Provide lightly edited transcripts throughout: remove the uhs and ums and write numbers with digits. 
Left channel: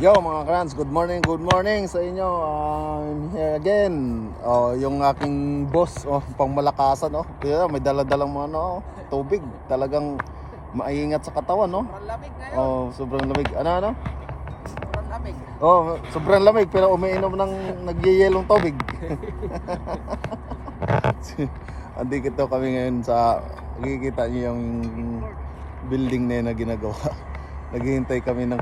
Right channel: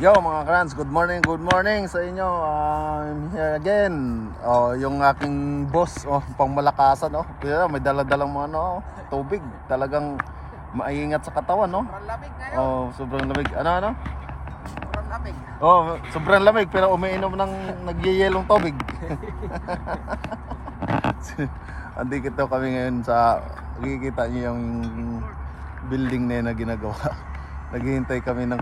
Yo mga krans, good morning sa inyo. I'm here again. Yung aking boss, pangmalakasan, may dala-dalang mga tubig. Talagang maingat sa katawan, no? Sobrang lamig ngayon. Sobrang lamig. Ano? Sobrang lamig. Sobrang lamig pero umiinom ng nagyeyelong tubig. Andito kami ngayon sa makikita niyo yung building na yun na ginagawa. Naghihintay kami ng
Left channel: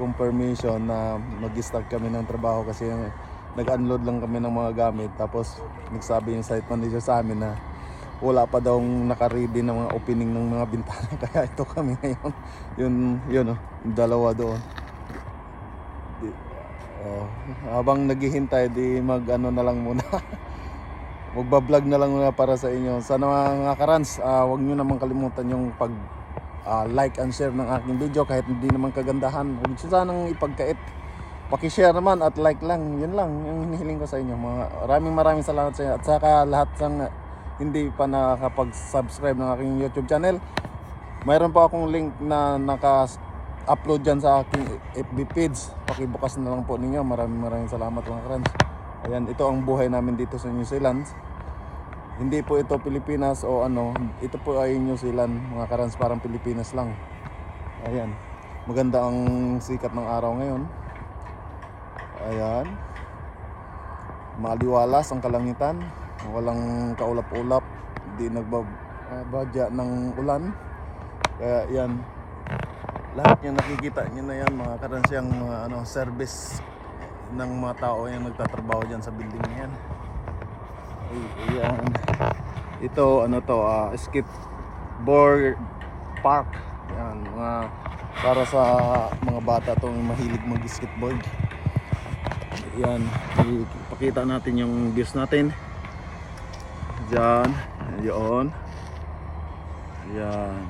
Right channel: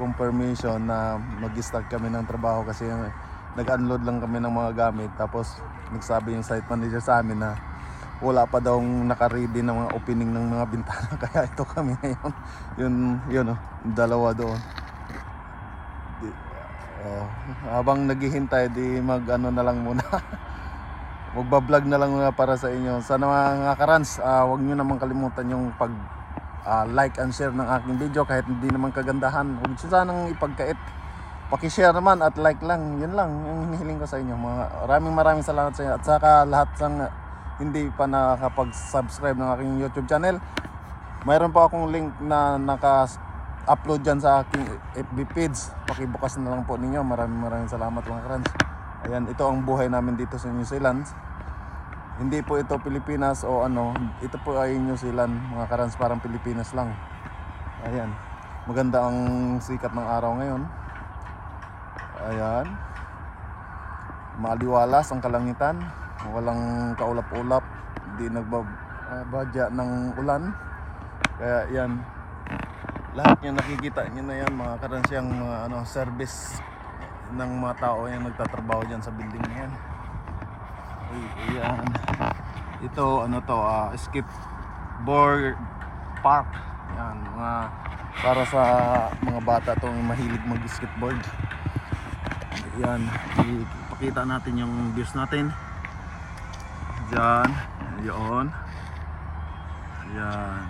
confirmation na mag-start kami ng trabaho kasi nag-unload lang kami ng mga gamit. Tapos nagsabi yung site manager sa amin na wala pa daw naka-ready ng mga opening ng mga bintana. Kaya ito kami ngayon. Yun, yung dalawa doon. Habang naghihintay, di mag-ano na lang muna. Magbablog na lang muna para sa inyo. Sana mga karans, huwag nyo naman kalimutan yung like and share ng aking video kahit hindi naman kagandahan. Huwag sanang ipagkait. Paki-share naman at like lang. Yun lang yung hinihiling ko sa inyo. Maraming salamat sa inyo. At saka lahat sang hindi pa nakakapag-subscribe ng aking YouTube channel, mayroon pa akong link na naka-upload dyan sa aking FB page. Pakibukas na lang po ninyo. Maraming salamat mga friends. Ayan, ito ang buhay namin dito sa New Zealand. Hindi po ito Pilipinas o ito po ay New Zealand mga karans, parang Pilipinas lang. Ayan, maganda ang sikat ng araw ngayon. Ayan, maliwalas ang kalangitan, walang kaulap-ulap, hindi nagbabadya ng ulan. Kaya yan, lahat yung nakikita nyo na yan mga karans, yung service ng mga tao yung nagtatrabaho dyan sa building na yan. Ayan. Ito skateboard park. Yan, para sa mga bata tong mahilig mag-skateboard. Yan, ipakita natin yung views natin. Diyan, yun. Yan.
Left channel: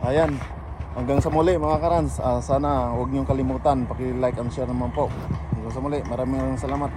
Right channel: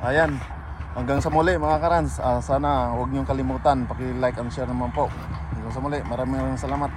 Ayan. Hanggang sa muli mga karans, sana huwag niyong kalimutan paki-like and share naman po. Hanggang sa muli, maraming salamat.